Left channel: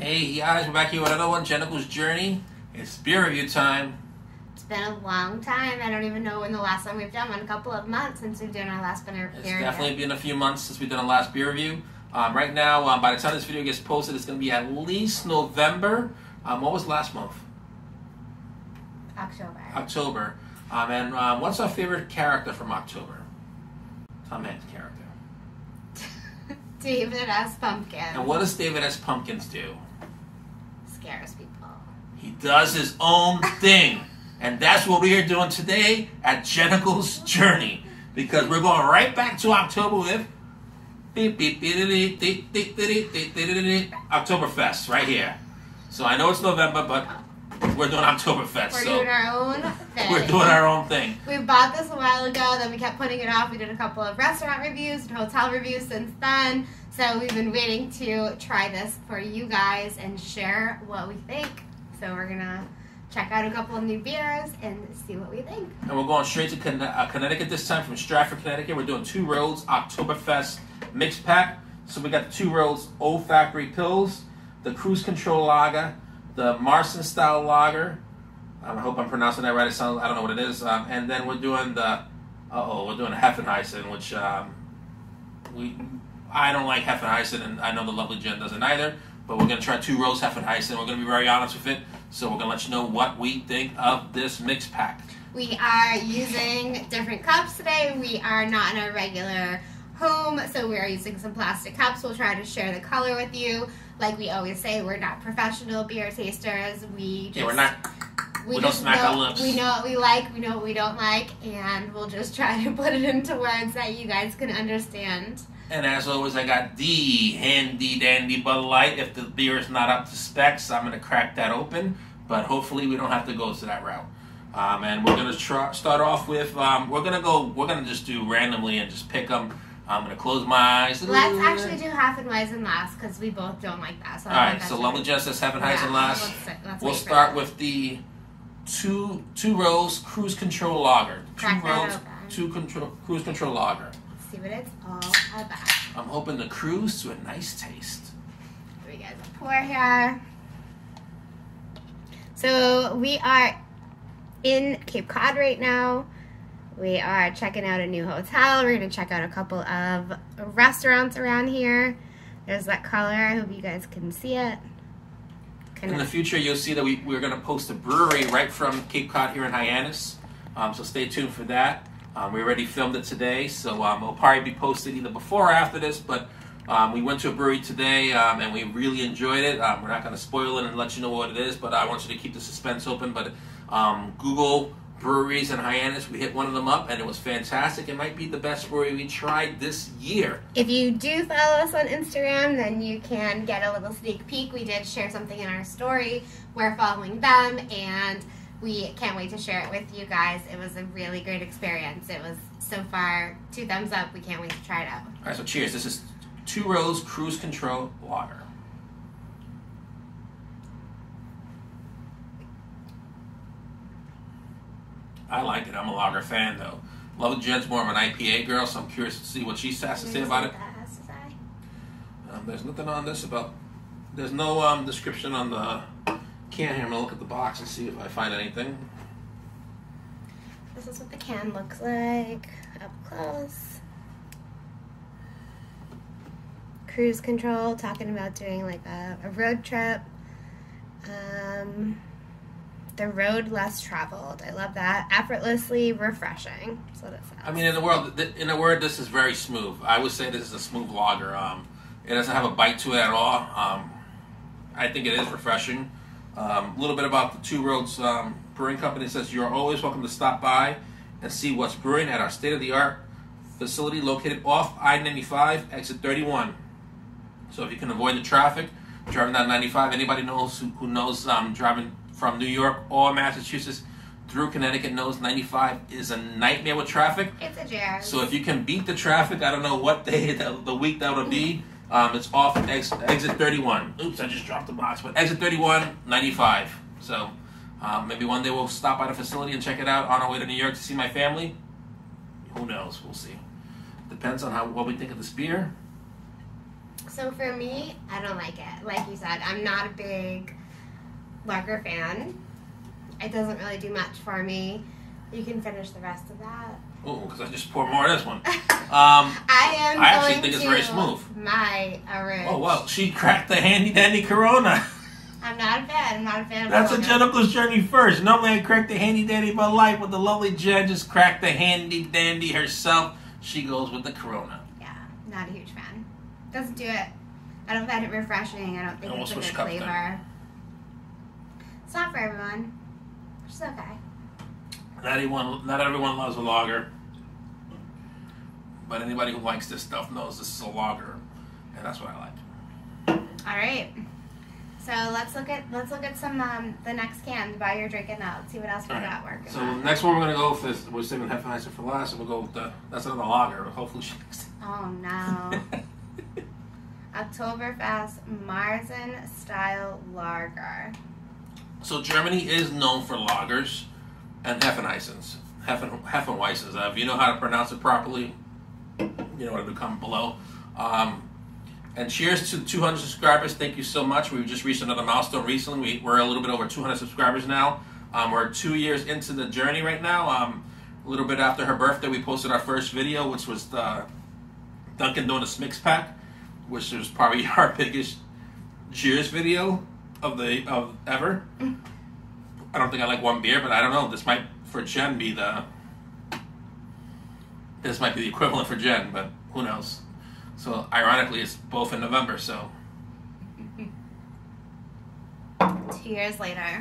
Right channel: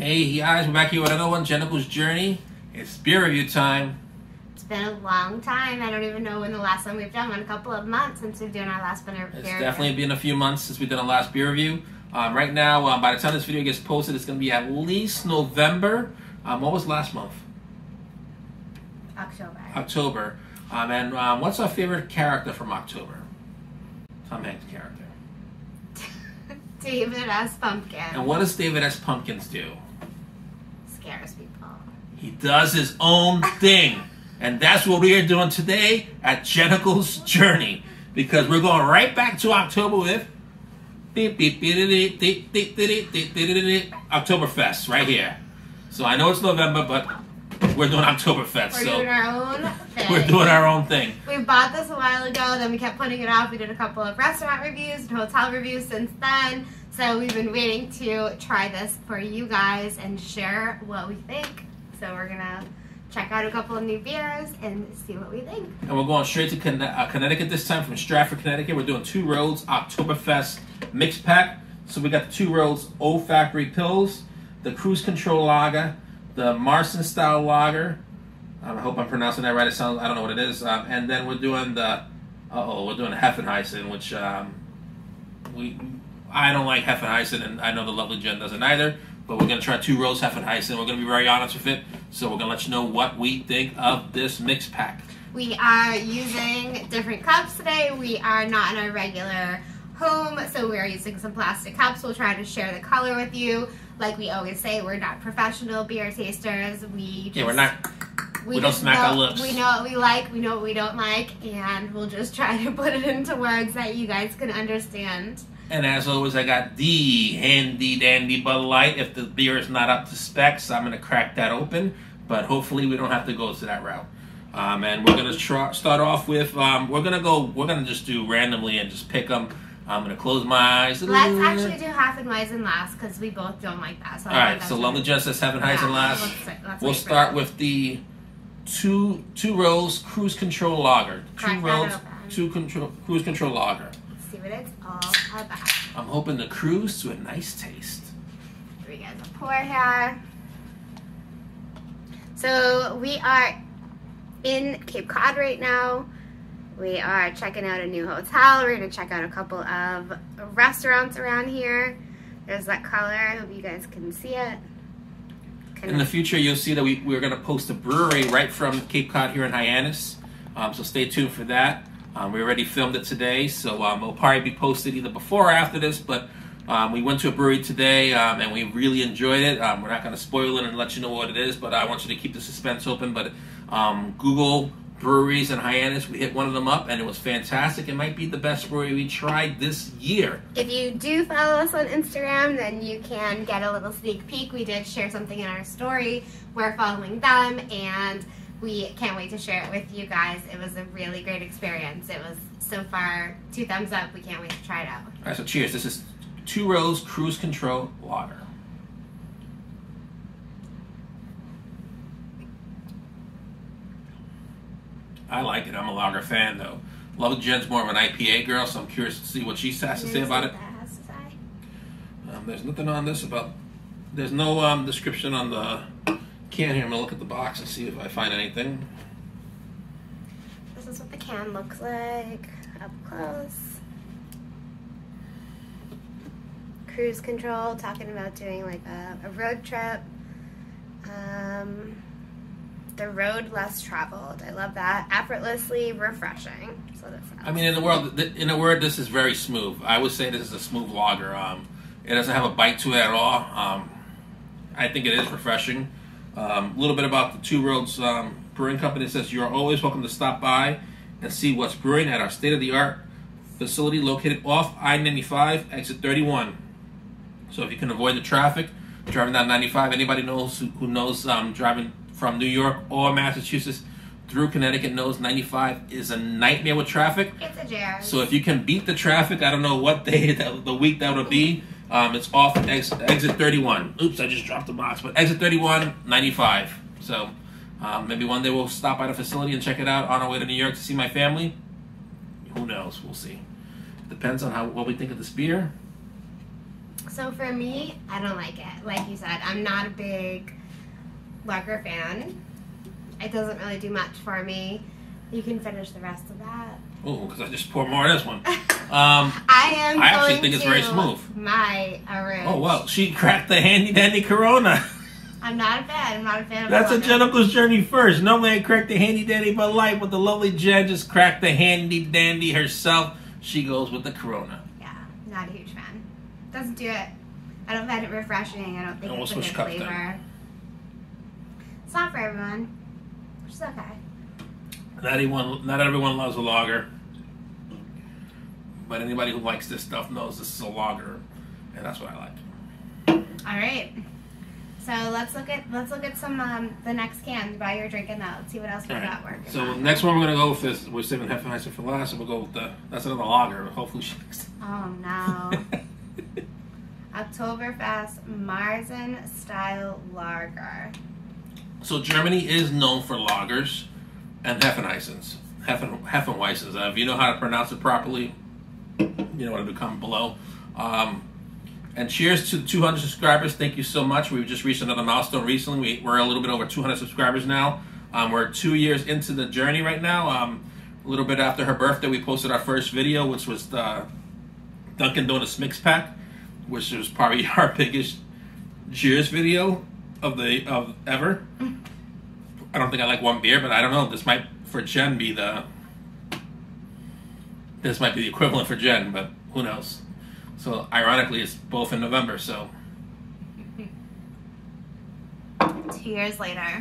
Hey guys, we're back here with another one, Jennifer's Journey. It's beer review time. It's been a long time. I don't even know when the last time we've done one. A couple of months since we've done our last beer review. It's definitely been a few months since we've done our last beer review. Right now, by the time this video gets posted, it's going to be at least November. What was last month? October. And what's our favorite character from October? Tom Hanks' character. David S. Pumpkin. And what does David S. Pumpkins do? Scares people. He does his own thing. And that's what we are doing today at Jennifer's Journey. Because we're going right back to October with Oktoberfest right here. So I know it's November, but we're doing Oktoberfest. We're doing our own thing. We're doing our own thing. We bought this a while ago, then we kept putting it off. We did a couple of restaurant reviews and hotel reviews since then. So we've been waiting to try this for you guys and share what we think. So we're going to check out a couple of new beers and see what we think. And we're going straight to Connecticut this time, from Stratford, Connecticut. We're doing Two Roads Oktoberfest mixed pack. So we got the Two Roads Old Factory Pills, the Cruise Control Lager, the Marson Style Lager. I hope I'm pronouncing that right. It sounds, I don't know what it is. And then we're doing the, we're doing a Hefeweizen, which I don't like Hefeweizen, and I know the lovely Jen doesn't either. But we're going to try Two Roads Hefeweizen. We're going to be very honest with it. So we're going to let you know what we think of this mix pack. We are using different cups today. We are not in our regular home, so we are using some plastic cups. We'll try to share the color with you. Like we always say, we're not professional beer tasters. We don't smack our lips. We know what we like, we know what we don't like, and we'll just try to put it into words that you guys can understand. And as always, I got the handy dandy Bud Light. If the beer is not up to specs, I'm going to crack that open. But hopefully we don't have to go to that route. And we're going to start off with, we're going to just do randomly and just pick them. I'm going to close my eyes. Let's actually do Hefeweizen last, because we both don't like that. So alright, so lovely Jen says Hefeweizen last. We'll start with the Two Roads Cruise Control Lager. Two Roads Cruise Control Lager. Let's see what it's all about. I'm hoping to cruise to a nice taste. Here we go, the pour here. So we are in Cape Cod right now. We are checking out a new hotel. We're going to check out a couple of restaurants around here. There's that color. I hope you guys can see it. In the future, you'll see that we're going to post a brewery right from Cape Cod here in Hyannis. So stay tuned for that. We already filmed it today, so it'll probably be posted either before or after this. But we went to a brewery today, and we really enjoyed it. We're not going to spoil it and let you know what it is, but I want you to keep the suspense open. But Google breweries in Hyannis, we hit one of them up, and it was fantastic. It might be the best brewery we tried this year. If you do follow us on Instagram, then you can get a little sneak peek. We did share something in our story. We're following them, and we can't wait to share it with you guys. It was a really great experience. It was, so far, 2 thumbs up. We can't wait to try it out. All right, so cheers. This is Two Roads Cruise Control Lager. I like it. I'm a lager fan, though. Love Jen's more of an IPA girl, so I'm curious to see what she has to say about it. There's nothing on this about... There's no description on the can here. I'm going to look at the box and see if I find anything. This is what the can looks like up close. Cruise control, talking about doing like a road trip. The road less traveled. I love that. Effortlessly refreshing. So that's. I mean, in a word, this is very smooth. I would say this is a smooth lager. It doesn't have a bite to it at all. I think it is refreshing. A little bit about the Two Roads Brewing Company. It says, you are always welcome to stop by and see what's brewing at our state-of-the-art facility located off I-95, exit 31. So if you can avoid the traffic, driving down 95, anybody who knows driving from New York or Massachusetts through Connecticut knows 95 is a nightmare with traffic. It's a jam. So if you can beat the traffic, I don't know what day, the week that would be, it's off at exit 31. Oops, I just dropped the box. But exit 31, 95. So maybe one day we'll stop by the facility and check it out on our way to New York to see my family. Who knows? We'll see. Depends on what we think of this beer. So for me, I don't like it. Like you said, I'm not a big lager fan. It doesn't really do much for me. You can finish the rest of that. Oh, because I just poured more of this one. I actually think it's very smooth. My orange. Oh, well, she cracked the handy dandy Corona. I'm not a fan. I'm not a fan of That's lager. a Jennifer's journey first. Normally I crack the handy dandy Bud Light, but the lovely Jen just cracked the handy dandy herself. She goes with the Corona. Yeah, not a huge fan. Doesn't do it. I don't find it refreshing. I don't think And it's a we'll good switch cups flavor. then. It's not for everyone, which is okay. Not everyone loves a lager, but anybody who likes this stuff knows this is a lager, and that's what I like. All right. So let's look at some the next can while you're drinking that. Let's see what else we got working. So on. the next one we're gonna go with is we're saving Hefeweizen for last, and we'll go with that's another lager. Hopefully she likes it. Oh no. Oktoberfest Marzen style lager. So Germany is known for lagers and Hefeweizens. If you know how to pronounce it properly, you know what to comment below. And cheers to 200 subscribers. Thank you so much. We've just reached another milestone recently. We're a little bit over 200 subscribers now. We're 2 years into the journey right now. A little bit after her birthday, we posted our first video, which was the Dunkin' Donuts mix pack, which was probably our biggest cheers video of ever. I don't think I like one beer, but I don't know. This might for Jen be this might be the equivalent for Jen, but who knows? So ironically, it's both in November. So 2 years later.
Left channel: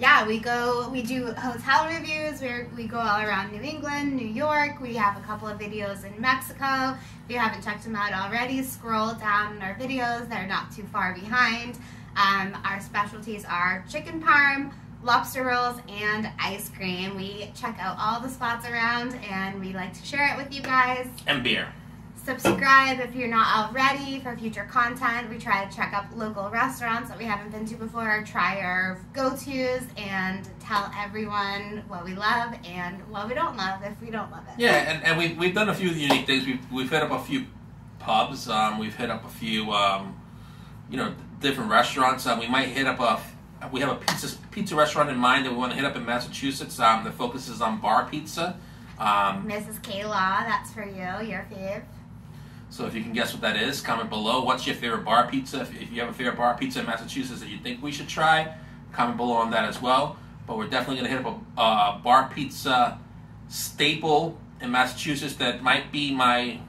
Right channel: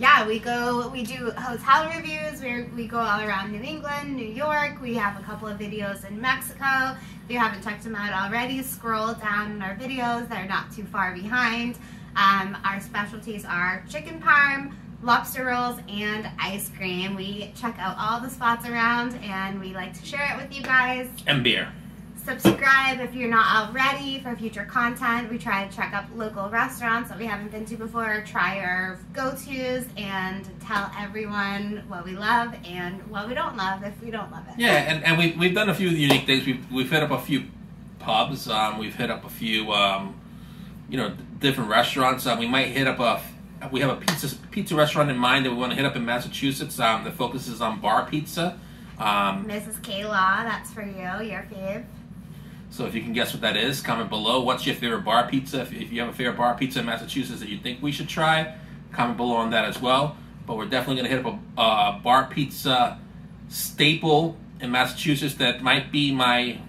Yeah, we do hotel reviews. We go all around New England, New York. We have a couple of videos in Mexico. If you haven't checked them out already, scroll down in our videos. They're not too far behind. Our specialties are chicken parm, lobster rolls, and ice cream. We check out all the spots around, and we like to share it with you guys. and beer. Subscribe if you're not already for future content. We try to check up local restaurants that we haven't been to before, try our go-tos, and tell everyone what we love and what we don't love if we don't love it. Yeah, and we've done a few unique things. We've hit up a few pubs. We've hit up a few different restaurants. We might hit up we have a pizza restaurant in mind that we want to hit up in Massachusetts that focuses on bar pizza. Mrs. Kayla, that's for you, your fave. So if you can guess what that is, comment below. What's your favorite bar pizza? If you have a favorite bar pizza in Massachusetts that you think we should try, comment below on that as well. But we're definitely going to hit up a bar pizza staple in Massachusetts that might be I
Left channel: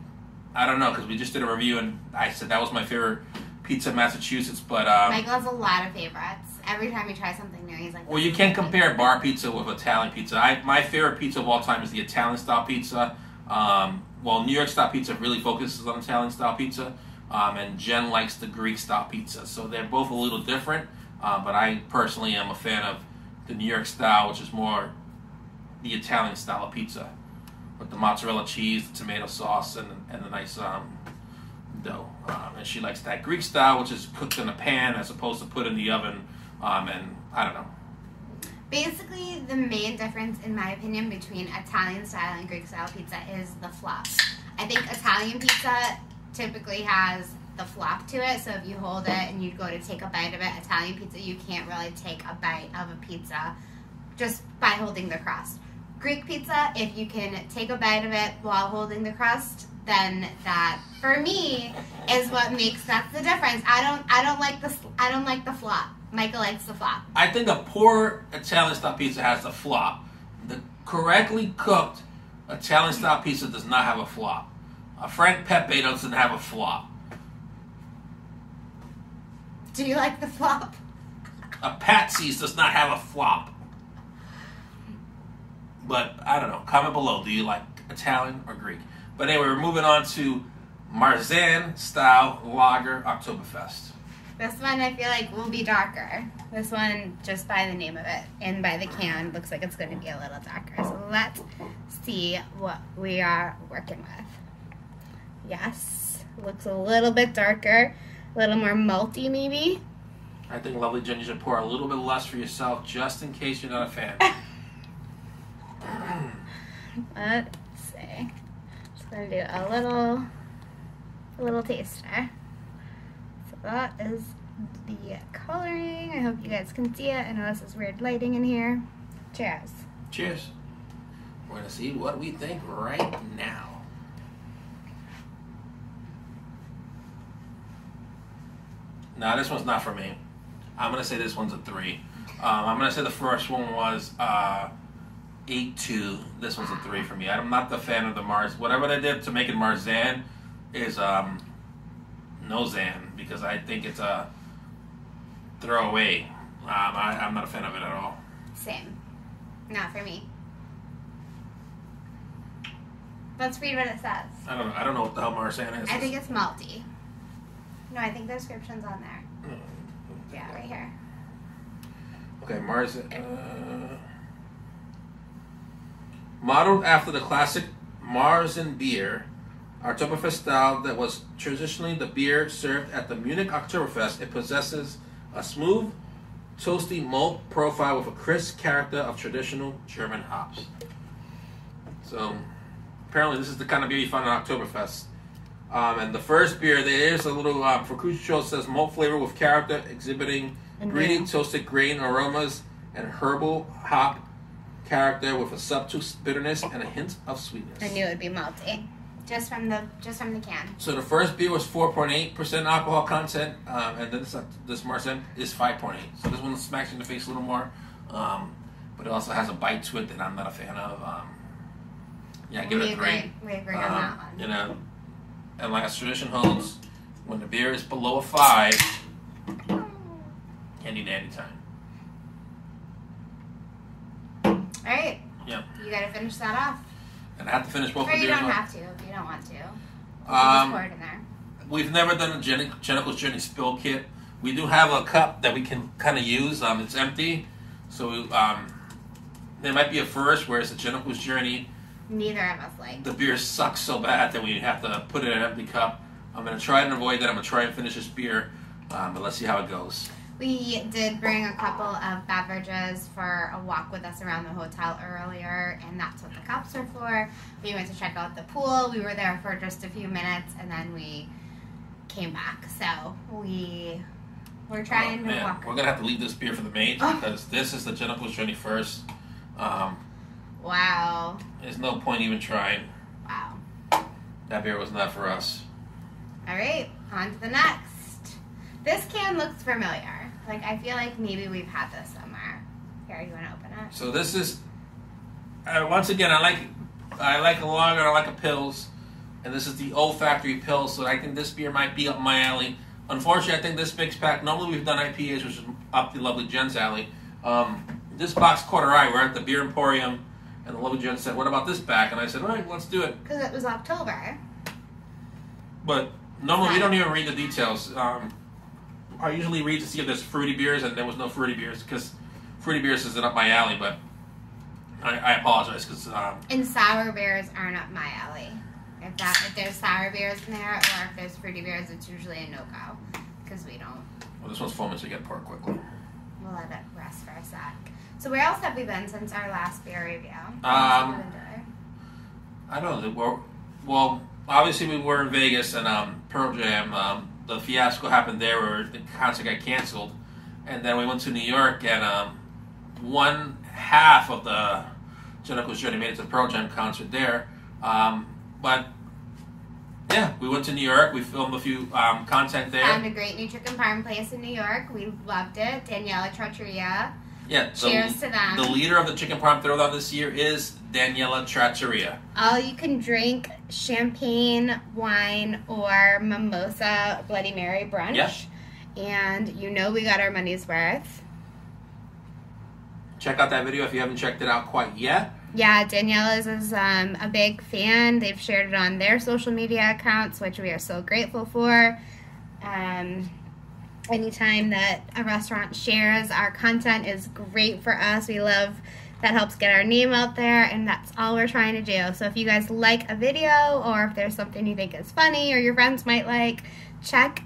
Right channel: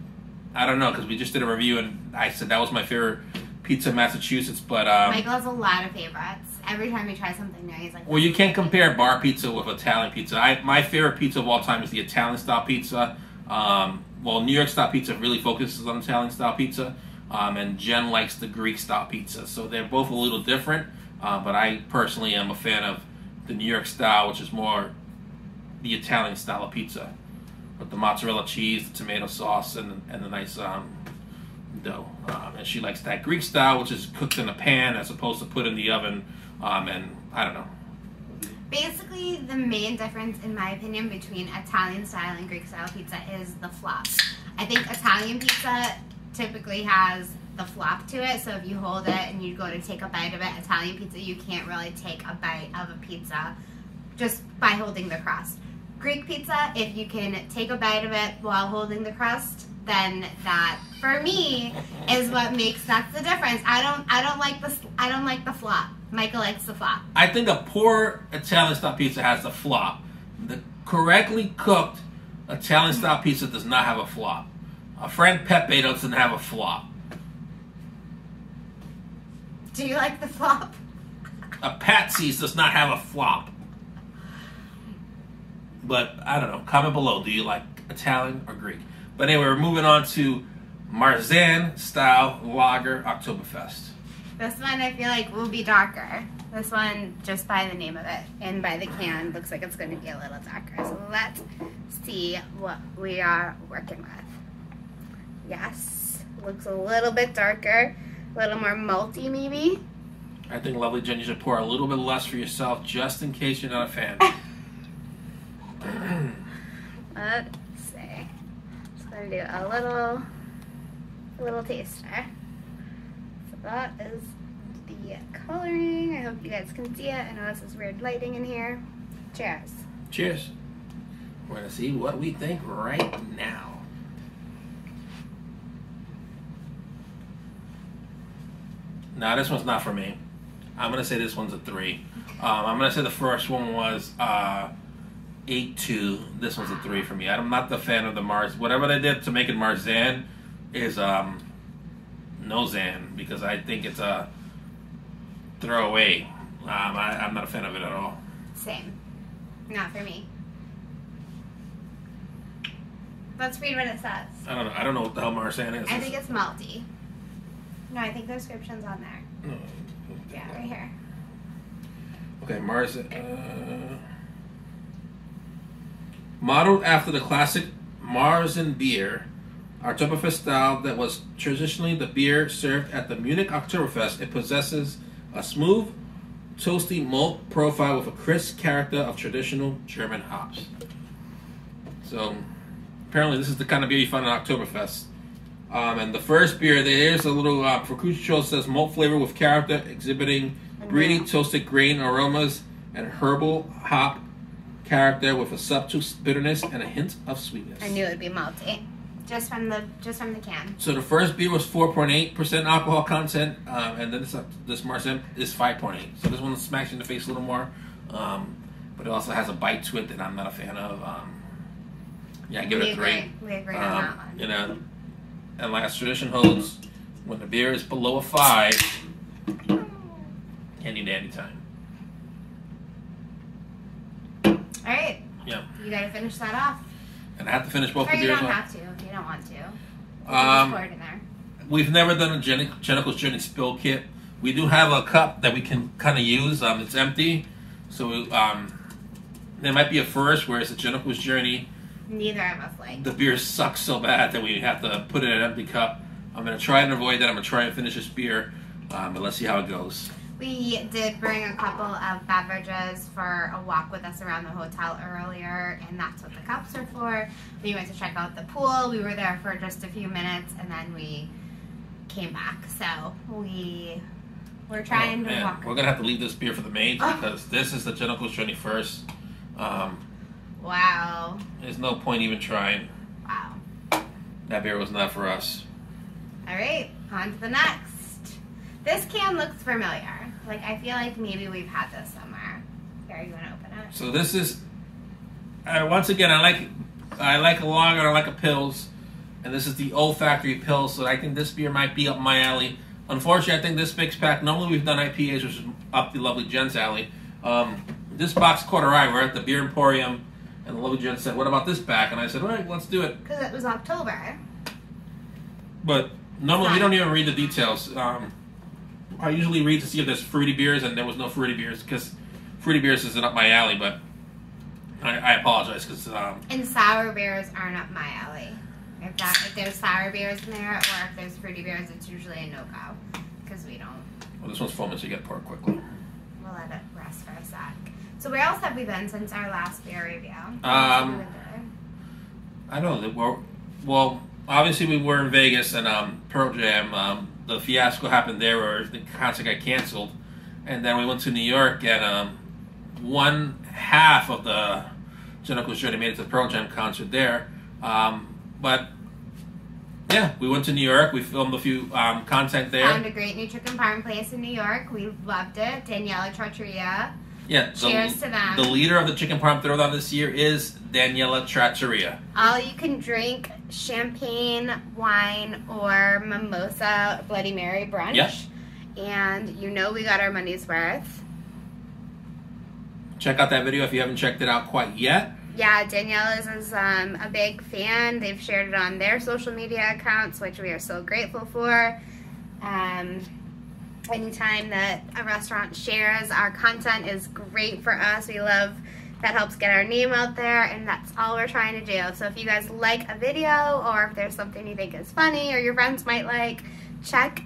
don't know, because we just did a review and I said that was my favorite pizza in Massachusetts. But Michael has a lot of favorites. Every time he tries something new, he's like, well, you can't compare bar pizza with Italian pizza. My favorite pizza of all time is the Italian style pizza. New York style pizza really focuses on Italian style pizza, and Jen likes the Greek style pizza. So they're both a little different, but I personally am a fan of the New York style, which is more the Italian style of pizza, with the mozzarella cheese, the tomato sauce, and the nice dough. And she likes that Greek style, which is cooked in a pan as opposed to put in the oven, and I don't know. Basically, the main difference, in my opinion, between Italian style and Greek style pizza is the flop. I think Italian pizza typically has the flop to it, so if you hold it and you go to take a bite of it, Italian pizza, you can't really take a bite of a pizza just by holding the crust. Greek pizza, if you can take a bite of it while holding the crust, then that, for me, is what that's the difference. I don't like the flop. Michael likes the flop. I think a poor Italian style pizza has the flop. The correctly cooked Italian style pizza does not have a flop. A Frank Pepe doesn't have a flop. Do you like the flop? A Patsy's does not have a flop. But I don't know. Comment below. Do you like Italian or Greek? But anyway, we're moving on to Marzen style lager Oktoberfest. This one I feel like will be darker. This one, just by the name of it and by the can, looks like it's going to be a little darker. So let's see what we are working with. Yes, looks a little bit darker, a little more malty maybe. I think, lovely Jen, you should pour a little bit less for yourself just in case you're not a fan. Let's see. Just going to do a little taster. that is the coloring. I hope you guys can see it. I know this is weird lighting in here. Cheers. Cheers. We're going to see what we think right now. Now, this one's not for me. I'm going to say this one's a 3. I'm going to say the first one was 8-2. This one's a 3 for me. I'm not the fan of the Mars. Whatever they did to make it Marzan is no Zan, because I think it's a throwaway. I'm not a fan of it at all. Same. Not for me. Let's read what it says. I don't know what the hell Marzan is. I think it's malty. No, I think the description's on there. Yeah, right here. Okay, Marzan. Modeled after the classic Marzan beer, Oktoberfest style that was traditionally the beer served at the Munich Oktoberfest, it possesses a smooth, toasty malt profile with a crisp character of traditional German hops. So, apparently this is the kind of beer you find at Oktoberfest. And the first beer, there's a little, for Kuchel, says malt flavor with character, exhibiting breedy toasted grain aromas and herbal hop character with a subtle bitterness and a hint of sweetness. I knew it would be malty. Just from the can. So the first beer was 4.8% alcohol content, and then this Marzan is 5.8. So this one smacks you in the face a little more, but it also has a bite to it that I'm not a fan of. Yeah, I give it a 3. We agree on that one. You know, and like as tradition holds, when the beer is below a 5, handy dandy time. All right. Yeah. You got to finish that off. And I have to finish both or the beers you don't off. have to if you don't want to. Just pour it in there. We've never done a Jennicol's Journey spill kit. We do have a cup that we can kind of use. It's empty, so there might be a first, whereas the Jennicol's Journey, neither of us like. The beer sucks so bad that we have to put it in an empty cup. I'm going to try and avoid that. I'm going to try and finish this beer, but let's see how it goes. We did bring a couple of beverages for a walk with us around the hotel earlier, and that's what the cups are for. We went to check out the pool. We were there for just a few minutes, and then we came back. So we're trying to walk. We're going to have to leave this beer for the maids because this is the Jennicol's Journey first. Wow. There's no point even trying. Wow. That beer was not for us. All right, on to the next. This can looks familiar. Like, I feel like maybe we've had this somewhere. Here, you want to open it? So this is, once again, I like a lager, I like a Pils, and this is the Old Factory Pils, so I think this beer might be up my alley. Unfortunately, I think this mix pack, normally we've done IPAs, which is up the lovely Jen's alley. This box caught our eye. We're at the Beer Emporium, and the lovely Jen said, what about this pack? And I said, all right, let's do it. Because it was October. But normally we don't even read the details. I usually read to see if there's fruity beers, and there was no fruity beers because fruity beers isn't up my alley. But I apologize because and sour beers aren't up my alley. If there's sour beers in there, or if there's fruity beers, it's usually a no-go because we don't. Well, this one's foaming, so you get poured quickly. We'll let it rest for a sec. So where else have we been since our last beer review? I don't know. Well, obviously we were in Vegas and Pearl Jam. The fiasco happened there where the concert got canceled. And then we went to New York, and one half of the Jennicol's Journey made it to the Pearl Jam concert there. But, yeah, we went to New York. We filmed a few content there. Found a great new chicken parm place in New York. We loved it. Daniela Trattoria. Yeah, cheers to them. The leader of the Chicken Parm Throwdown this year is Daniela Trattoria. All you can drink champagne, wine, or mimosa Bloody Mary brunch. Yep. And you know we got our money's worth. Check out that video if you haven't checked it out quite yet. Yeah, Daniela's is a big fan. They've shared it on their social media accounts, which we are so grateful for. Anytime that a restaurant shares our content is great for us. We love that, helps get our name out there, and that's all we're trying to do. So if you guys like a video, or if there's something you think is funny or your friends might like, check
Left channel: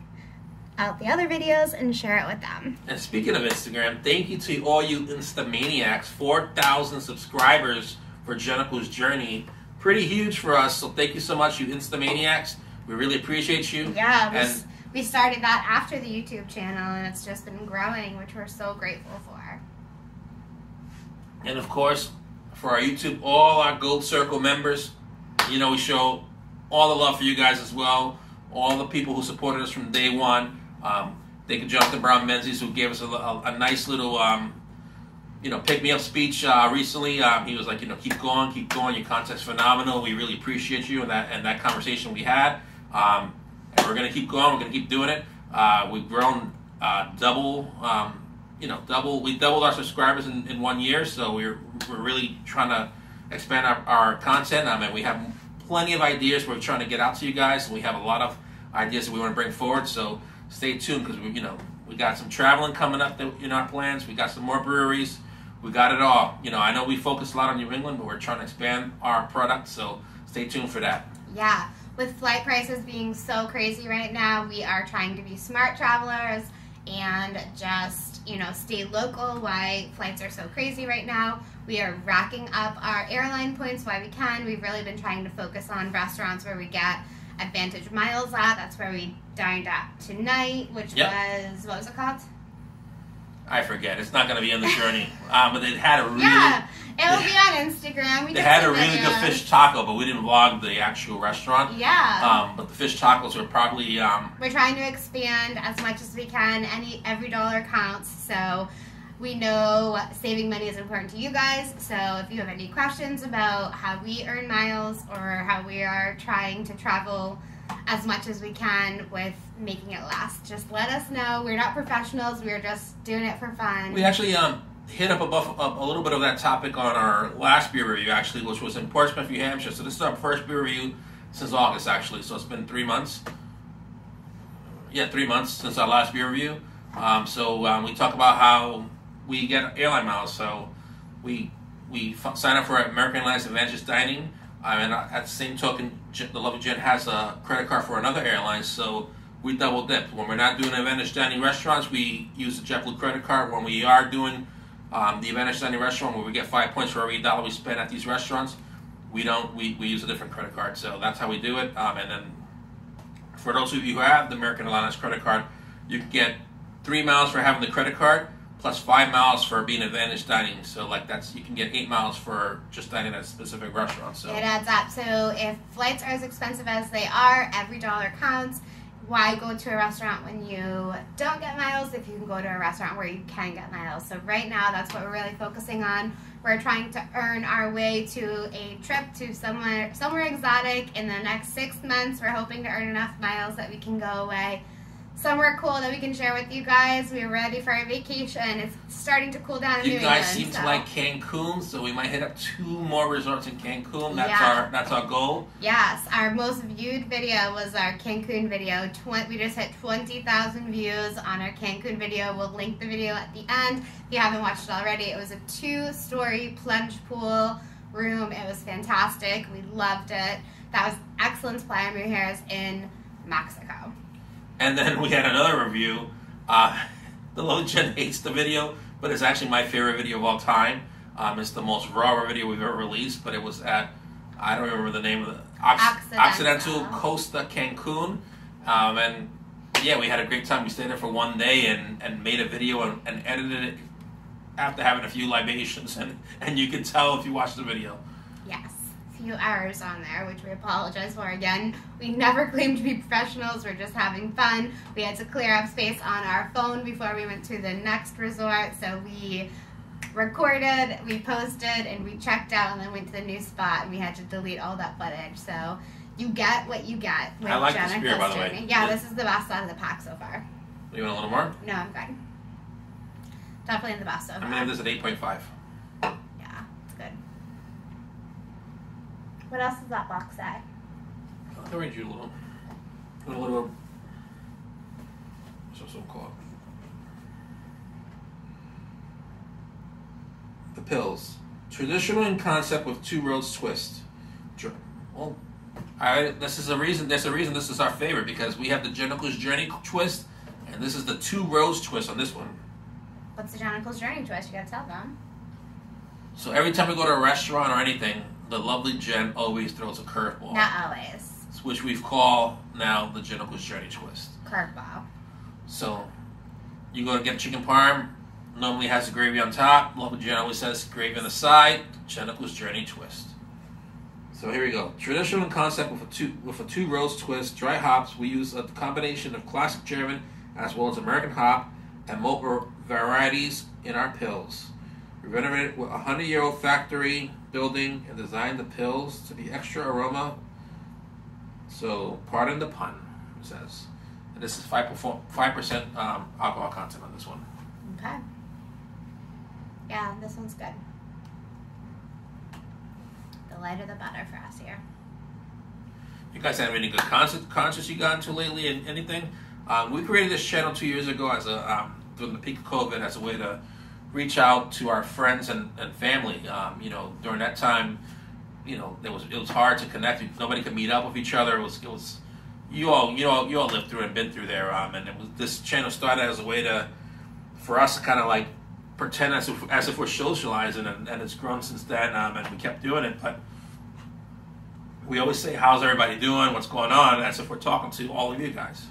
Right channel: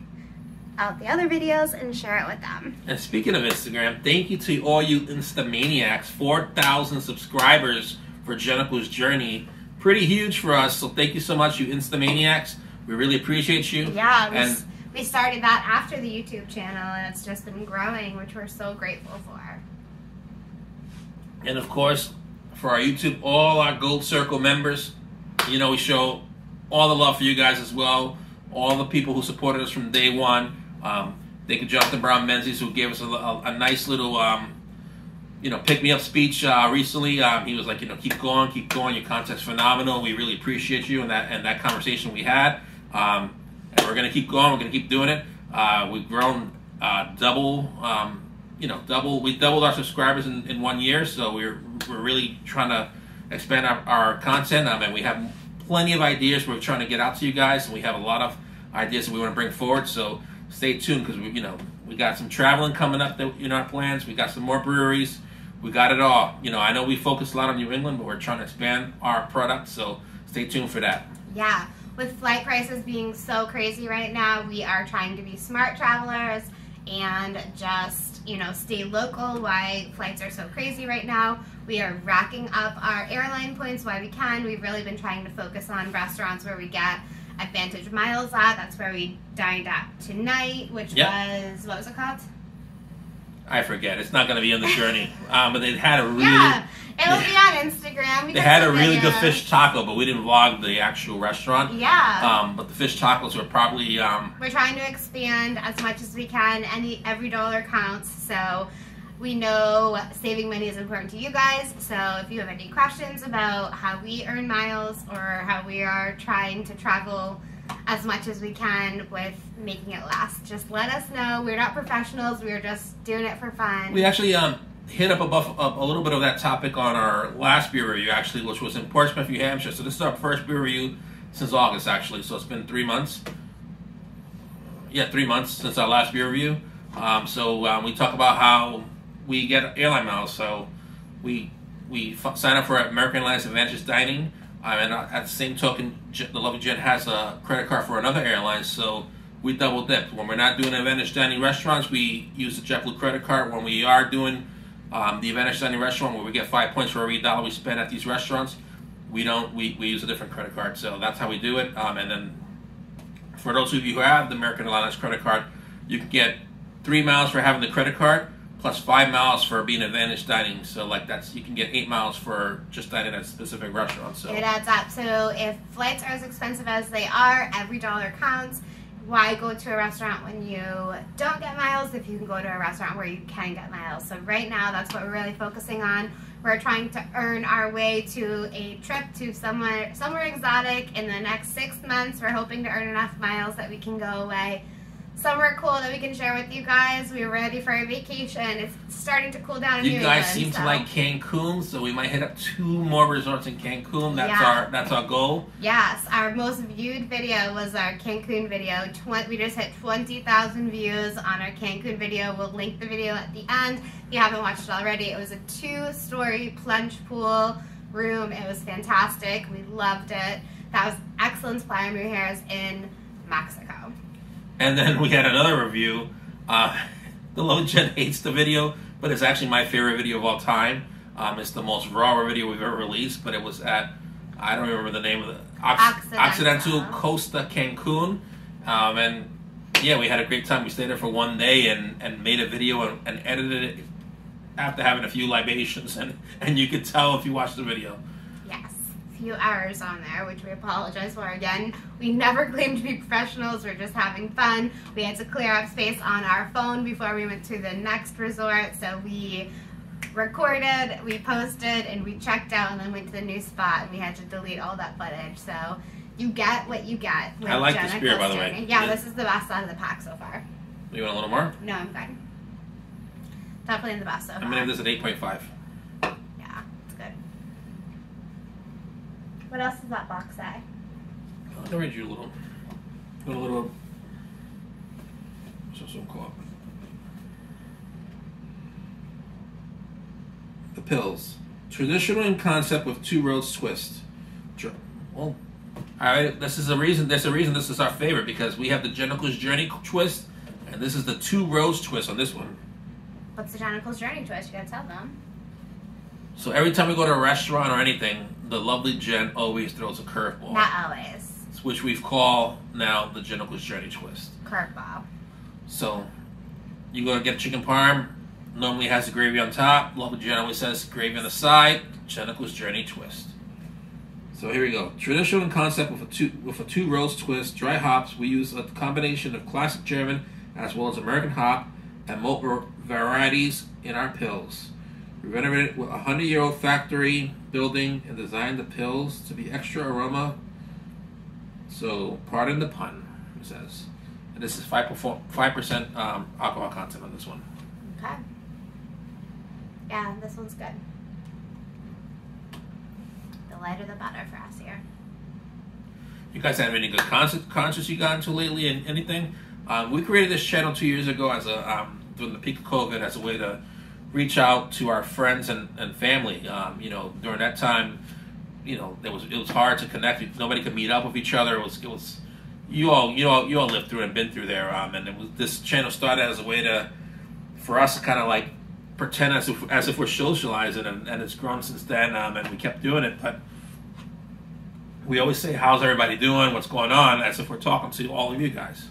out the other videos and share it with them. And speaking of Instagram, thank you to all you Instamaniacs. 4,000 subscribers for Jennicol's Journey. Pretty huge for us, so thank you so much, you Instamaniacs. We really appreciate you. Yeah, we started that after the YouTube channel, and it's just been growing, which we're so grateful for. And of course, for our YouTube, all our Gold Circle members, you know, we show all the love for you guys as well. All the people who supported us from day one. Thank you, Jonathan Brown Menzies, who gave us a nice little, you know, pick-me-up speech recently. He was like, you know, keep going, your content's phenomenal. We really appreciate you and that conversation we had. And we're going to keep going. We're going to keep doing it. We've grown we doubled our subscribers in 1 year, so we're really trying to expand our content. And we have plenty of ideas we're trying to get out to you guys. We have a lot of ideas that we want to bring forward, so stay tuned, because we got some traveling coming up in our plans. We got some more breweries. We got it all. You know, I know we focus a lot on New England, but we're trying to expand our product, so stay tuned for that. Yeah, with flight prices being so crazy right now, we are trying to be smart travelers and just, you know, stay local while flights are so crazy right now. We are racking up our airline points while we can. We've really been trying to focus on restaurants where we get Advantage miles at. That's where we dined at tonight, which was, what was it called? I forget. It's not going to be on the journey. But they had a really... Yeah, it'll be on Instagram. They had a really good fish taco, but we didn't vlog the actual restaurant. Yeah. But the fish tacos were probably... We're trying to expand as much as we can. Every dollar counts, so we know saving money is important to you guys. So if you have any questions about how we earn miles or how we are trying to travel as much as we can with making it last, just let us know. We're not professionals. We're just doing it for fun. We actually hit up a little bit of that topic on our last beer review, actually, which was in Portsmouth, New Hampshire. So this is our first beer review since August, actually. So it's been 3 months. Yeah, 3 months since our last beer review. So we talk about how we get airline miles. So we sign up for American Airlines Advantage Dining. And at the same token, the lovely Jen has a credit card for another airline, so we double dip. When we're not doing Advantage Dining restaurants, we use the JetBlue credit card. When we are doing the Advantage Dining restaurant, where we get 5 points for every dollar we spend at these restaurants, we use a different credit card. So that's how we do it. And then for those of you who have the American Airlines credit card, you can get 3 miles for having the credit card, plus 5 miles for being Advantage Dining. So like you can get 8 miles for just dining at a specific restaurant. So it adds up. So if flights are as expensive as they are, every dollar counts. Why go to a restaurant when you don't get miles if you can go to a restaurant where you can get miles? So right now, that's what we're really focusing on. We're trying to earn our way to a trip to somewhere exotic in the next 6 months. We're hoping to earn enough miles that we can go away somewhere cool that we can share with you guys. We're ready for a vacation. It's starting to cool down in New England. You guys seem to like Cancun, so we might hit up 2 more resorts in Cancun. That's our goal. Yes, our most viewed video was our Cancun video. We just hit 20,000 views on our Cancun video. We'll link the video at the end if you haven't watched it already. It was a 2-story plunge pool room. It was fantastic. We loved it. That was excellent Playa Mujeres in Mexico. And then we had another review. The low Jen hates the video, but it's actually my favorite video of all time. It's the most raw video we've ever released, but it was at, I don't remember the name of the, Occidental Costa Cancun. And yeah, we had a great time. We stayed there for 1 day and made a video and edited it after having a few libations. And you could tell if you watch the video. Yes. Few hours on there, which we apologize for again. We never claim to be professionals. We're just having fun. We had to clear up space on our phone before we went to the next resort, so we recorded, we posted, and we checked out and then went to the new spot, and we had to delete all that footage. So you get what you get. I like this beer, by the way. Yeah, this is the best out of the pack so far. You want a little more? No, I'm fine. Definitely the best so far. I'm gonna give this an 8.5. What else does that box say? I'll read you a little. What's this one called? The pills. Traditional in concept with 2 roads twist. Well, there's a reason this is our favorite, because we have the Jennifer's Journey twist, and this is the 2 roads twist on this one. What's the Jennifer's Journey twist? You gotta tell them. So every time we go to a restaurant or anything, the lovely Jen always throws a curveball. Not always. Which we've called now the Jennifer's Journey twist. curveball. So you go to get chicken parm. Normally has the gravy on top. Local Jen always says gravy on the side. Jennifer's Journey twist. So here we go. Traditional concept with a two rows twist. Dry hops. We use a combination of classic German as well as American hop and malt varieties in our pills. We renovated with a 100-year-old factory building and designed the pills to be extra aroma. So pardon the pun, it says. And this is 5% alcohol content on this one. Okay. Yeah, this one's good. The lighter the better for us here. You guys have any good concerts you got into lately and anything? We created this channel 2 years ago as a during the peak of COVID as a way to reach out to our friends and family. You know, during that time, you know, it was hard to connect. Nobody could meet up with each other. It was you all lived through it and been through there. And this channel started as a way for us to kind of like pretend as if we're socializing, and it's grown since then. And we kept doing it, but we always say, "How's everybody doing? What's going on?" As if we're talking to all of you guys.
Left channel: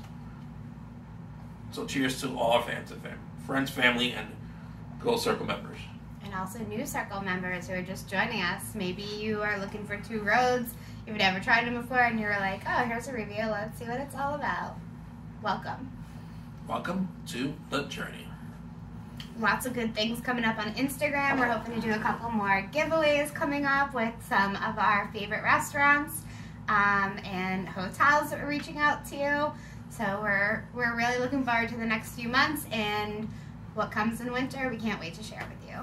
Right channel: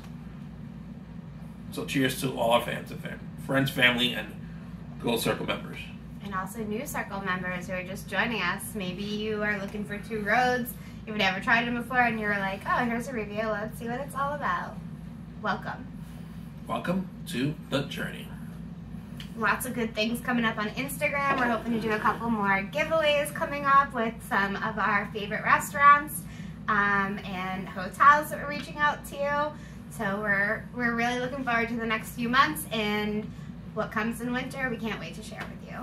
So cheers to all our fans and friends, family, and Gold Circle members. And also new Circle members who are just joining us. Maybe you are looking for two roads. You've never tried them before, and you're like, "Oh, here's a review. Let's see what it's all about." Welcome. Welcome to the journey. Lots of good things coming up on Instagram. We're hoping to do a couple more giveaways coming up with some of our favorite restaurants and hotels that we're reaching out to. So we're really looking forward to the next few months and what comes in winter. We can't wait to share with you.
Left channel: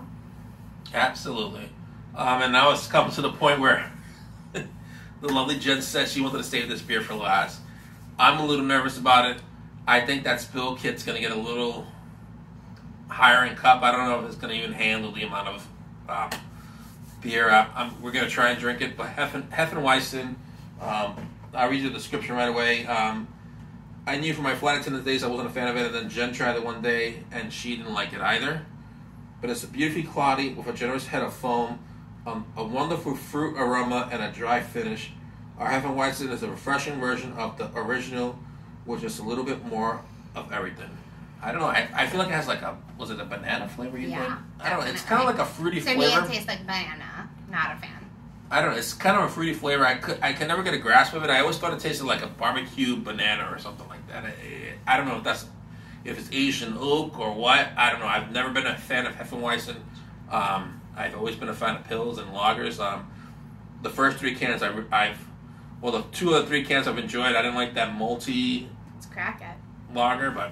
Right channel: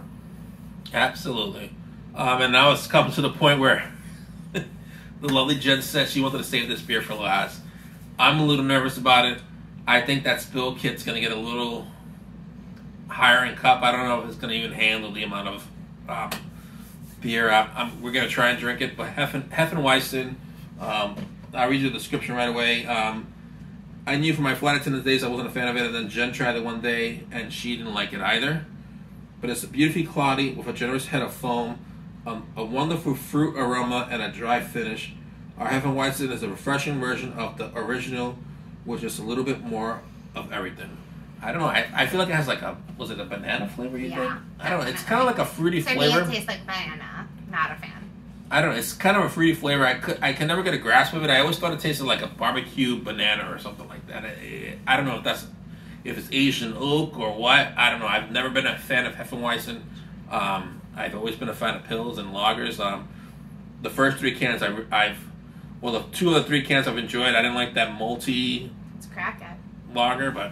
Absolutely. And now it's come to the point where the lovely Jen said she wanted to save this beer for last. I'm a little nervous about it. I think that spill kit's going to get a little higher in cup. I don't know if it's going to even handle the amount of beer. We're going to try and drink it, but Hefeweizen, I'll read you the description right away. I knew from my flight attendant days I wasn't a fan of it, and then Jen tried it one day, and she didn't like it either. But it's beautifully cloudy with a generous head of foam, a wonderful fruit aroma, and a dry finish. Our Hefeweizen is a refreshing version of the original, with just a little bit more of everything. I don't know. I feel like it has like was it a banana flavor you think? I don't know. It's kind of like a fruity flavor. To me, it tastes like banana. Not a fan. I don't know. It's kind of a fruity flavor. I can never get a grasp of it. I always thought it tasted like a barbecue banana or something like that. I don't know if it's Asian oak or what. I don't know. I've never been a fan of Hefeweizen. I've always been a fan of pills and lagers. The first three cans the two of the three cans I've enjoyed. I didn't like that malty. Let's crack it. Lager, but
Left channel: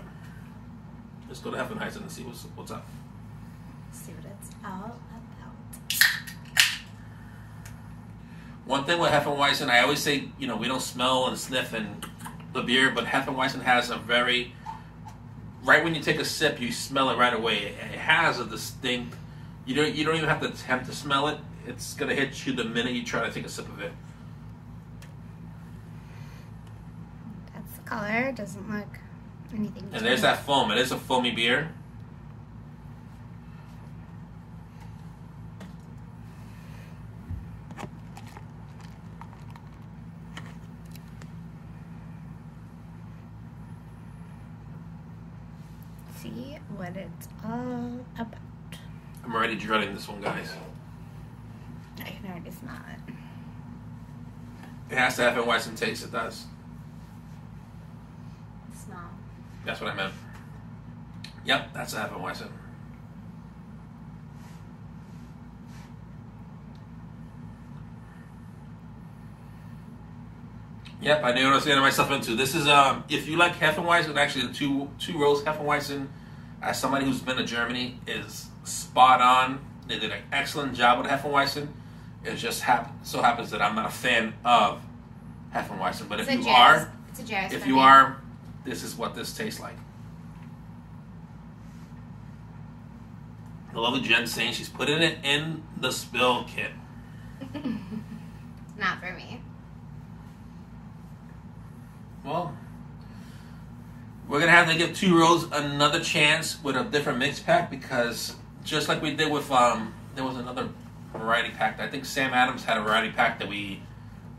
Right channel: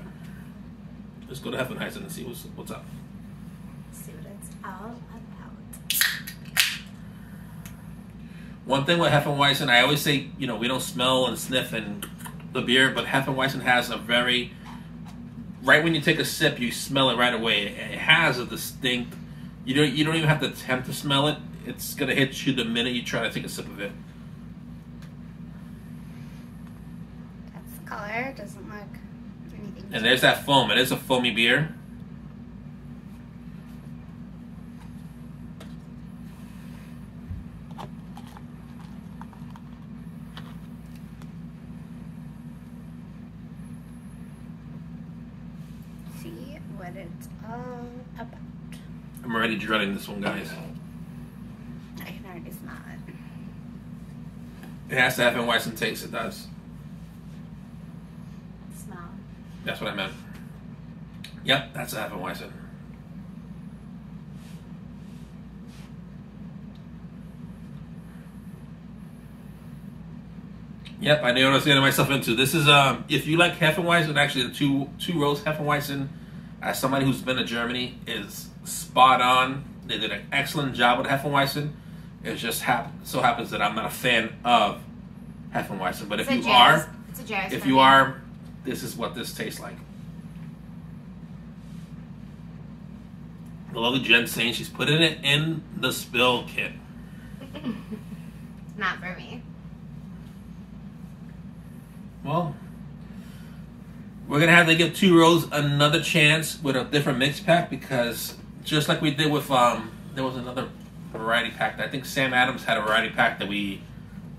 let's go to Hefeweizen and see what's up. See what it's all about. One thing with Hefeweizen, I always say, you know, we don't smell and sniff in the beer, but Hefeweizen has right when you take a sip, you smell it right away. It has a distinct, you don't even have to attempt to smell it. It's going to hit you the minute you try to take a sip of it. That's the color. It doesn't look anything. And there's that foam. It is a foamy beer. See what it's all about. I'm already dreading this one, guys. I can already smell it. It has to have Hefeweizen taste. It does. Smell. That's what I meant. Yep, that's a Hefeweizen. Yep, I knew what I was getting myself into. This is if you like Hefeweizen, actually the two rows Hefeweizen, as somebody who's been to Germany, is spot on. They did an excellent job with Hefeweizen. It just so happens that I'm not a fan of Hefeweizen, but if you are, this is what this tastes like. The lovely Jen saying she's putting it in the spill kit. Not for me. Well, we're going to have to give two rows another chance with a different mix pack, because just like we did with, there was another variety pack. I think Sam Adams had a variety pack that we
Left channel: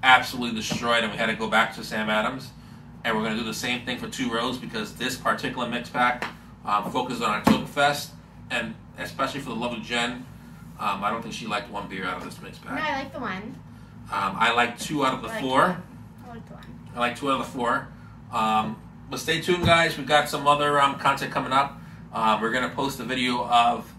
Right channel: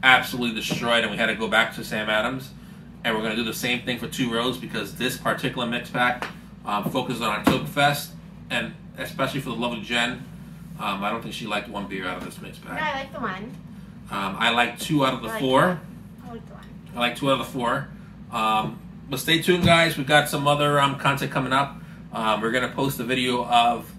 absolutely destroyed, and we had to go back to Sam Adams. and we're going to do the same thing for 2 rows because this particular mix pack focuses on Ok2berfest, and especially for the lovely Jen. I don't think she liked 1 beer out of this mix pack. No, I like the 1. I like 2 out of the 4. I like the 1. I like 2 out of the 4. But stay tuned, guys. We've got some other content coming up. We're going to post a video of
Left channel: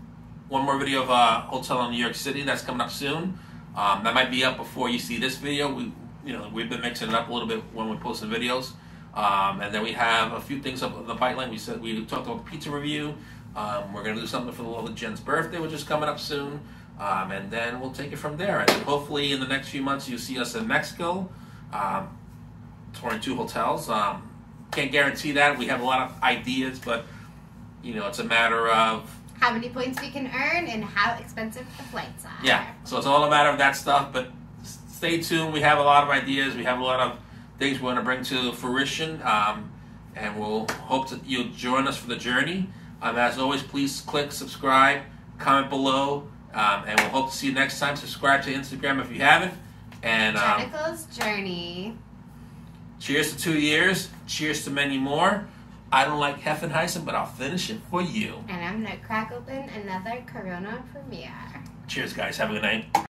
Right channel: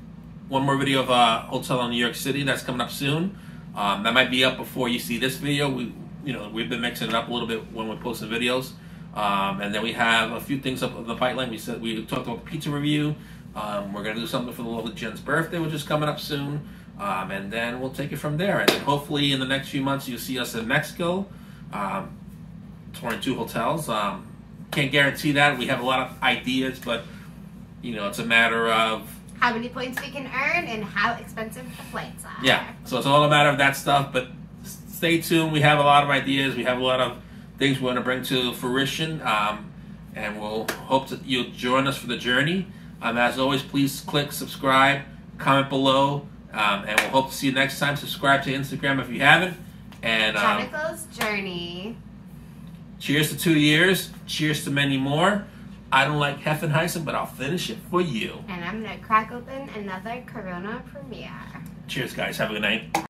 one more video of a hotel in New York City that's coming up soon. That might be up before you see this video. We've been mixing it up a little bit when we're posting videos. And then we have a few things up in the pipeline. We talked about the pizza review. We're going to do something for the lovely Jen's birthday, which is coming up soon. And then we'll take it from there. And then hopefully in the next few months you'll see us in Mexico, touring 2 hotels. Can't guarantee that. We have a lot of ideas, but it's a matter of how many points we can earn and how expensive the flights are. Yeah, so it's all a matter of that stuff. But stay tuned. We have a lot of ideas. We have a lot of things we want to bring to fruition, and we'll hope that you'll join us for the journey. As always, please click subscribe, comment below, and we'll hope to see you next time. Subscribe to Instagram if you haven't. And Jenica's Journey. Cheers to 2 years. Cheers to many more. I don't like Heffenheisen, but I'll finish it for you. And I'm going to crack open another Corona Premier. Cheers, guys. Have a good night.